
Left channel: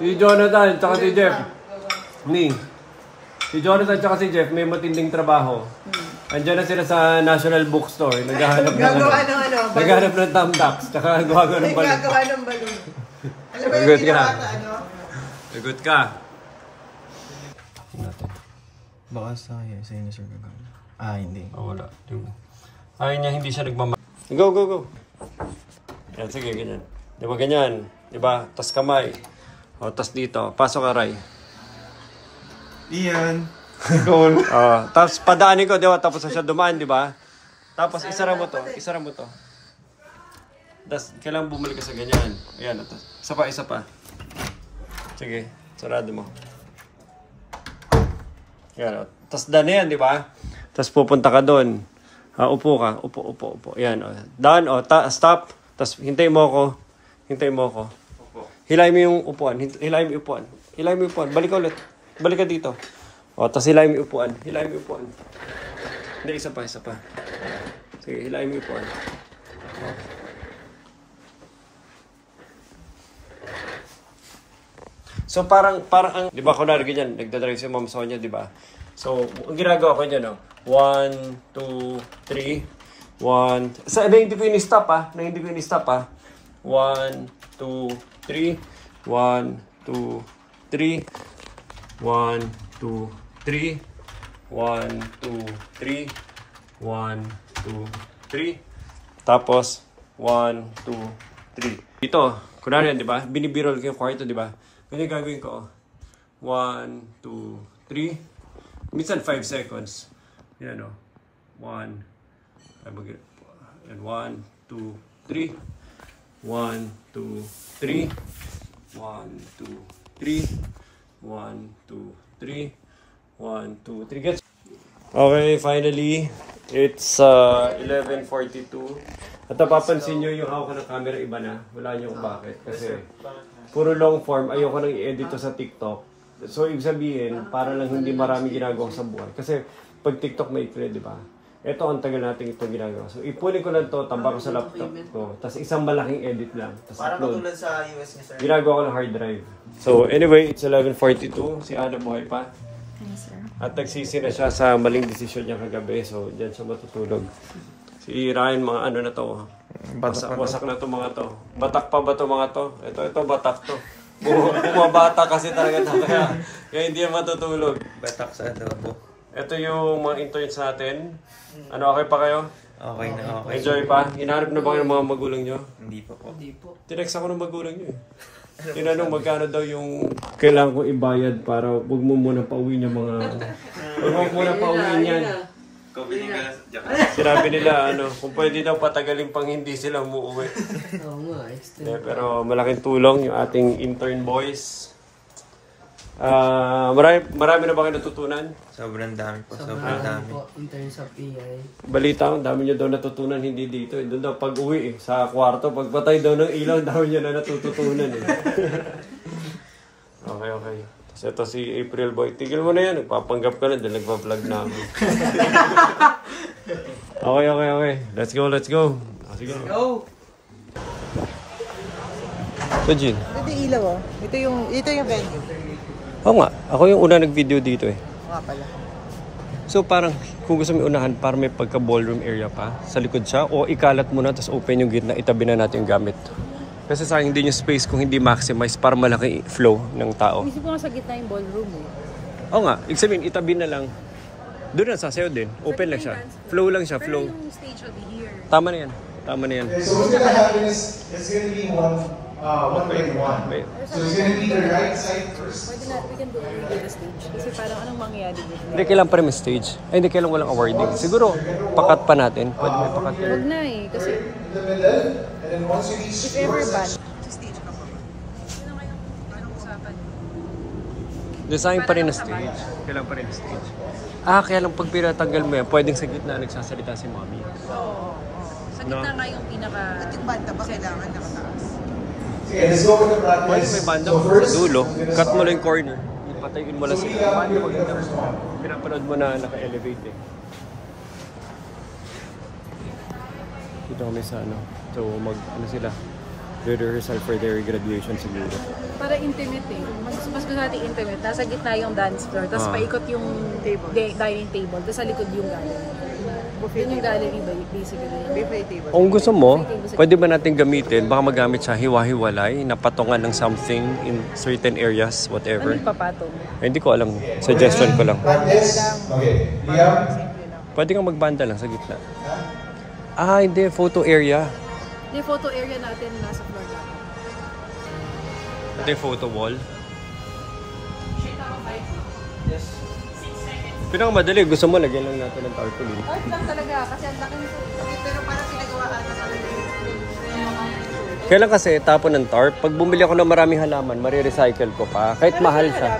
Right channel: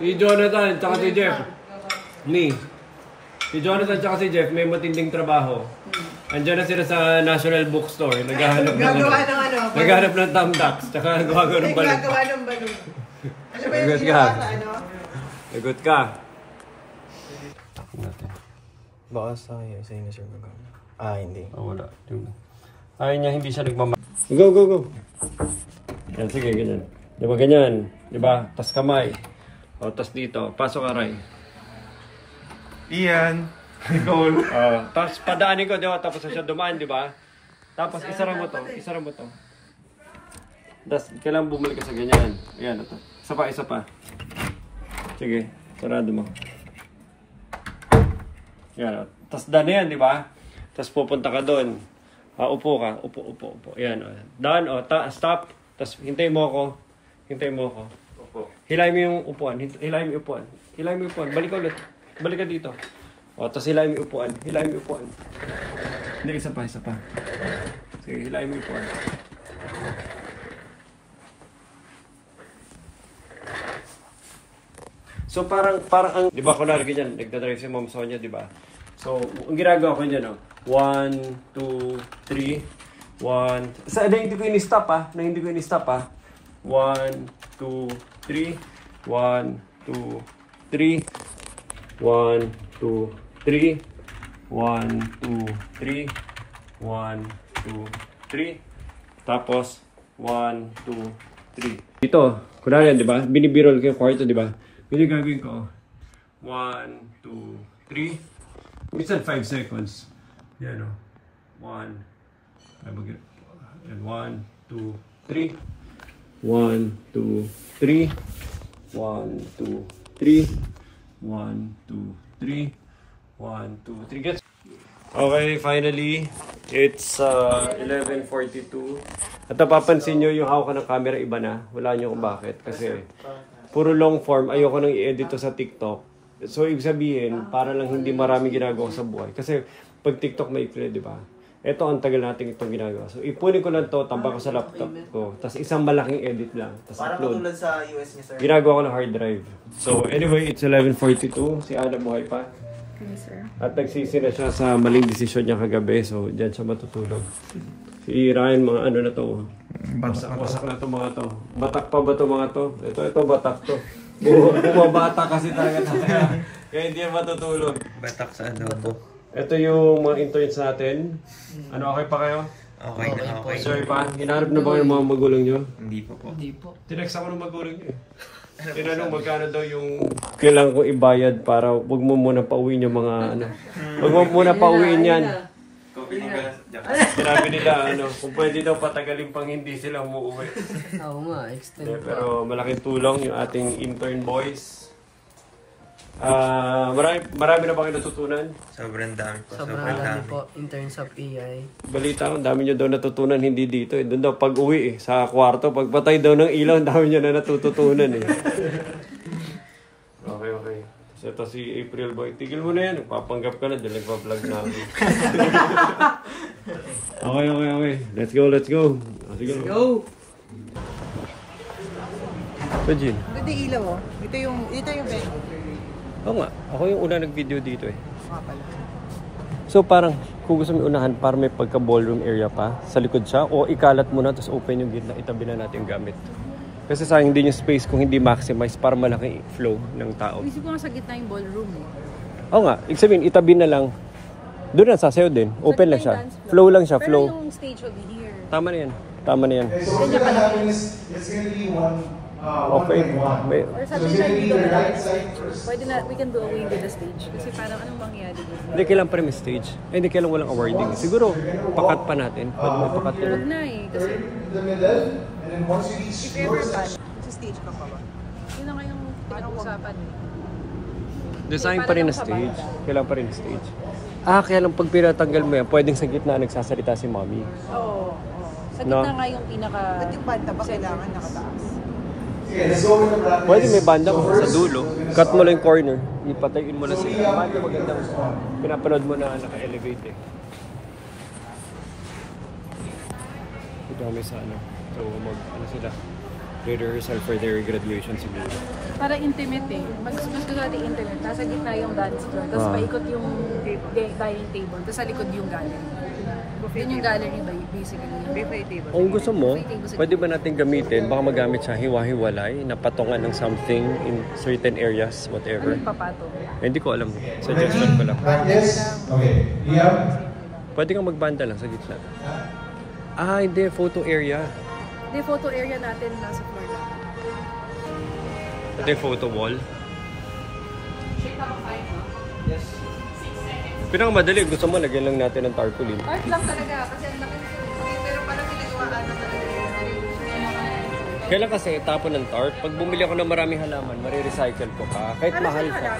Si Jonathan, tsaka si Jeff. Si Jonathan tsaka si Jeff, may matinding trabaho. Andiyan na sila sa National Bookstore. Naghahanap ng Naghahanap ng thumbtacks, tsaka gawa ng balon. Gagawa ng balon. Alam mo Lagot yung ka. Lagot ka. Baka sa inyo, sir, gagawin. Hindi. Wala. Ayaw niya, hindi siya nagmamahal. Go. Yan, sige, ganyan. Di ba ganyan? Di ba? Tas kamay. O, tas dito. Pasok ka, Ray. Ian! Goal! Tapos padaanin ko, di ba? Tapos na siya dumaan, di ba? Tapos isara mo to. Tapos kailangan bumalik ka sa ganyan. Ayan, ito. Isa pa. Sige, sarado mo. Ayan, tapos daan yan, di ba? Tapos pupunta ka doon. Upo ka. Upo. Ayan, down, stop. Tapos hintayin mo ako. Hilahin mo yung upuan. Hilahin mo yung upuan. Balik ka ulit. Balik ka dito. Tapos hilahin mo yung upuan. Hindi, isa pa. Sige, hilahin mo yung upuan. So parang ang, di ba, kunwari ganyan, nagdadrive si Ma'am Sonia, di ba? So, ang ginagawa ko niyan, 1, 2, 3, 1, hindi ko ini-stop ah. 1, 2, 3, 1, 2, 3, 1, 2, 3, 1, 2, 3, 1, 2, 3, 1, 2, 3, tapos 1, 2, 3. Dito, kunwari, di ba? Binibirol ko yung kwarto, di ba? Hindi gagawin ko, 1, 2, 3, minsan 5 seconds. Yan o, 1, 1, 2, 2, 3. 1, 2, 3. 1, 2, 3. 1, 2, 3. 1, 2, 3. Gets. Okay, finally, it's 11:42. At napapansin nyo yung hawak ng camera iba na. Wala nyo kung bakit. Kasi puro long form, ayoko nang i-edit to sa TikTok. So, ibig sabihin, para lang hindi marami ginagawa sa buhay. Kasi pag TikTok may ikli, di ba? Ito, ang tagal natin itong ginagawa. So, ipunin ko lang to, tambak ko sa laptop ko. Tapos isang malaking edit lang. Tapos upload. Parang sa US ni sir. Ginagawa ko ng hard drive. So, anyway, it's 11:42. Si Ana buhay pa. Yes, sir. At nagsisi na siya sa maling desisyon niya kagabi. So, diyan siya matutulog. Si Ryan, mga ano na to. Wasak na to mga to. Batak pa ba to mga to? Ito batak to. Bumabata kasi talaga to. Kaya hindi yan matutulog. Batak sa adobo. Ito yung mga interns natin. Ano, okay pa kayo? Okay na okay. Enjoy pa? Hinahanap na ba kayo ng mga magulang nyo? Hindi pa po. Hindi po. Tinext ako ng magulang nyo eh. Tinanong magkano daw yung kailangan kong ibayad para wag mo muna pauwiin yung mga ano. Wag mo muna pauwiin yan. Sinabi nila ano, kung pwede daw patagalin pang hindi sila umuwi. Oo nga, extend. Pero malaking tulong yung ating intern boys. Marami na ba kayo natutunan? Sobrang dami po. Sobrang dami po in terms of AI. Balita ko, dami nyo daw natutunan, hindi dito eh. Doon daw pag uwi eh, sa kwarto, pagpatay daw ng ilaw, dami nyo na natututunan eh. Okay. Tapos ito si April Boy. Tigil mo na yan, nagpapanggap ka na dahil nagpa-vlog na ako. Okay. Let's go. Sige. Go! So, Jean. Ito yung ilaw, oh. Ito yung venue. Oo nga, ako yung una nag-video dito eh. Pala. So parang kung gusto mo unahan, parang may pagka-ballroom area pa sa likod siya o ikalat mo na tapos open yung gitna, itabi na natin yung gamit. Kasi sayang din yung space kung hindi maximize para malaki flow ng tao. Isip ko nga sa gitna yung ballroom. Oo nga, ibig sabihin itabi na lang. Doon na sasayaw din, open lang siya. Flow lang siya, flow. Pero yung stage will be here. Tama na yan. Okay, so what's gonna happen is it's gonna be 1.1. So it's gonna be the right side first. Pwede na, we can do away with the stage. Kasi parang anong mangyayari dito? Hindi, kailangan pa rin may stage. Ay, hindi, kailangan walang awarding. Siguro, pakat pa natin. Pwede may pakat Huwag yan. na eh. Kasi The middle, and then once you reach if ever your bad, section, sa stage ka pa ba? Yun ang kayong pinag-usapan. Design pa rin na stage. Kailangan pa rin na stage. Kaya lang pag pinatanggal mo yan, pwedeng sa gitna nagsasalita si mommy. Oo. Sa No? gitna nga yung pinaka... Ba't yung banda ba kailangan nakataas? okay, let's go over the practice. Pwede may banda So mo sa first, dulo. Cut mo lang yung corner. Ipatayin mo lang sila. Banda magandang pinapanood mo na naka-elevate eh. Ito kami sa ano. So ano sila. Rehearsal for their graduation siguro. Para intimate eh. Mas gusto natin intimate. Nasa gitna yung dance floor. Tapos paikot yung dining table. Tapos sa likod yung gallery. Doon yung gallery basically. Replay table. Kung gusto mo, pwede ba natin gamitin? Baka magamit siya hiwa-hiwalay na patungan ng something in certain areas, whatever. Ano yung papatong? Hindi ko alam. Suggestion ko lang. practice. Okay, yeah. Pwede kang magbanda lang sa gitna. Hindi. Photo area. Yung photo area natin nasa floor dapat. Ito yung photo wall. Pinakamadali, gusto mo lagyan lang natin ng tarpaulin. Art lang talaga kasi ang laki pero parang pinagawaan Kailan kasi tapon ng tarp, pag bumili ako ng maraming halaman, marirecycle ko pa. Kahit mahal siya.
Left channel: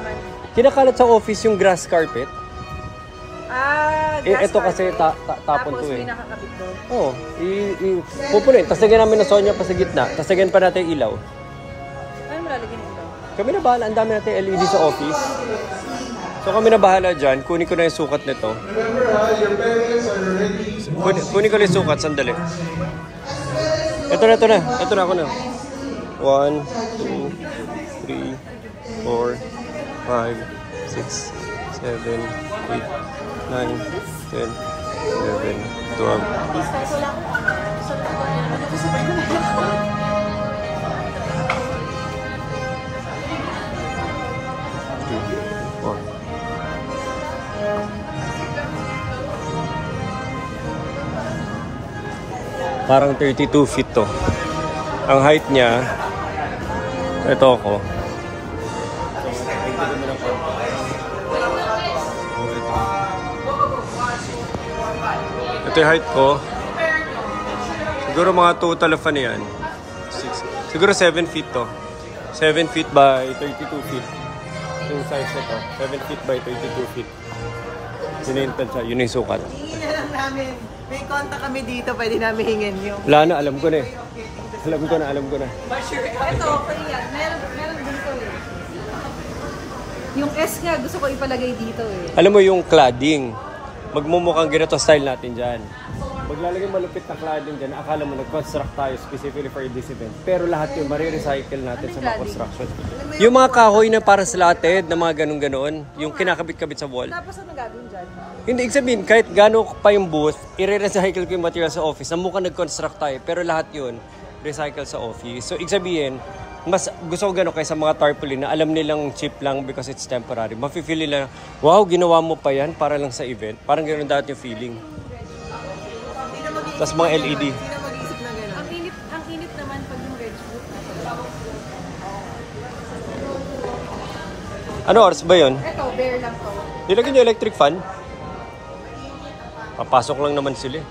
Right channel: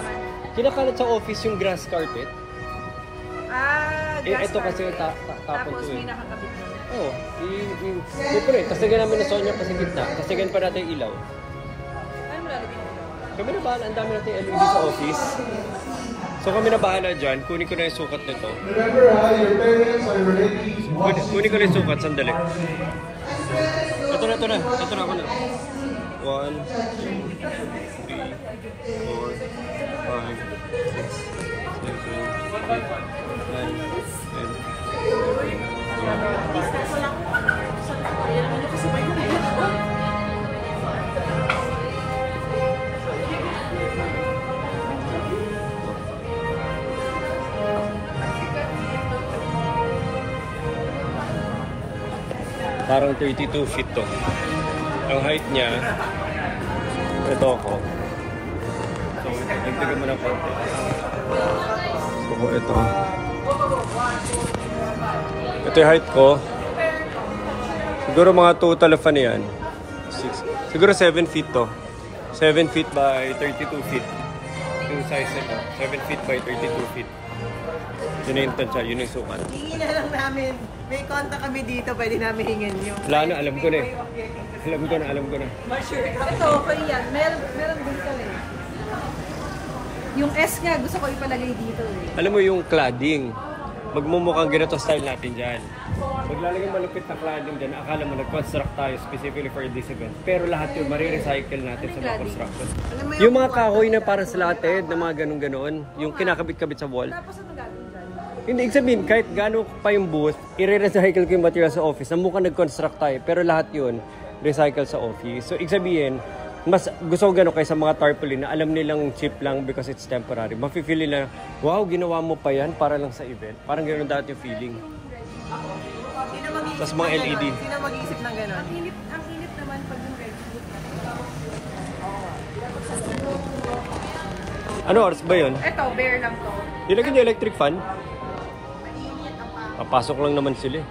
Kinakalat sa office yung grass carpet. Ito kasi tapon to tapos may eh. nakakabit doon. Oo. Pupunin. Tapos lagyan namin ng Sonya pa sa gitna. Tapos lagyan pa natin ilaw. Ay, malalagyan yung ilaw. Kami na bahala. Ang dami natin LED sa office. So kami na bahala dyan. Kunin ko na yung sukat nito. Remember, your parents are already... Kunin ko na yung sukat. Sandali. Ito na. Ito na ako na. 1, 2, 3, 4, 5, 6, 7, 8, 9, 10, 11, 12. Parang 32 feet to. Ang height niya, ito ako. So, tignan mo na konti. Ito yung height ko. Siguro mga total of ano yan? 6. Siguro 7 feet to. 7 feet by 32 feet. Yung size nito. 7 feet by 32 feet. Yun na yung tansya, yun yung sukat. Hingin na lang namin. May contact kami dito, pwede namin hingin yung... Wala na, alam ko na eh. Alam ko na. Ito, okay yan. Meron dito eh. Yung S nga, gusto ko ipalagay dito eh. Alam mo yung cladding. Magmumukhang ganito style natin dyan. Maglalagay malupit na cladding dyan, akala mo nag-construct tayo specifically for this event. Pero lahat yun, marirecycle natin sa mga construction. Yung mga kahoy na parang slatted, na mga ganun-ganon, yung kinakabit-kabit sa wall. Tapos ano gagawin dyan? Hindi, ibig sabihin, kahit gano'n pa yung booth, i-recycle ko yung material sa office. Na mukhang nag-construct tayo, pero lahat yun, recycle sa office. So, ibig sabihin, mas gusto ko gano'n kaysa mga tarpaulin na alam nilang cheap lang because it's temporary. Mafe-feel nila, wow, ginawa mo pa yan para lang sa event. Parang gano'n dati yung feeling. Tapos mga LED. Sino mag-iisip ng gano'n? Ang init naman pag yung red boot na talaga. Ano oras ba yun? Ito, bare lang to. Nilagyan niyo electric fan? Papasok lang naman sila.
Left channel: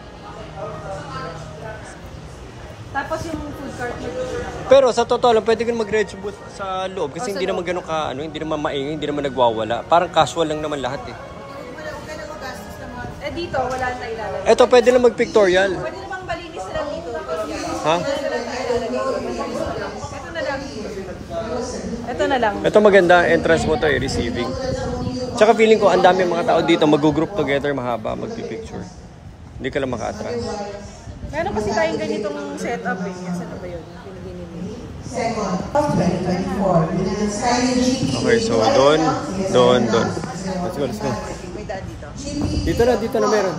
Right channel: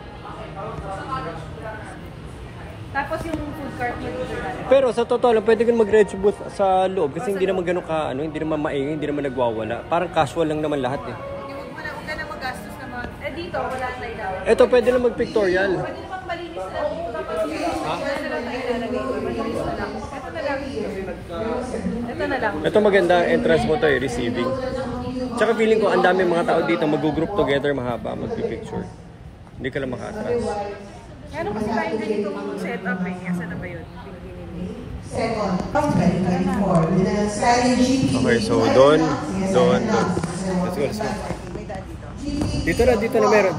Tapos yung food cart mo dito natin. Pero sa totoo lang, pwede kang mag-red booth sa loob kasi hindi naman ganun ka, hindi naman maingay, hindi naman nagwawala. Parang casual lang naman lahat eh. Huwag ka na magastos naman. Dito, wala na ilalim. Eto, pwede lang mag-pictorial. Pwede namang malinis lang dito. Ha? Ito na lang. Ito maganda ang entrance mo to eh, receiving. Tsaka feeling ko ang dami mga tao dito mag-group together mahaba, magpi-picture. Hindi ka lang maka-atras. Meron kasi tayong ganitong setup eh. Asa na ba yun? Second of 2024 with a sliding GP. Okay, so doon. Let's go. Dito na meron.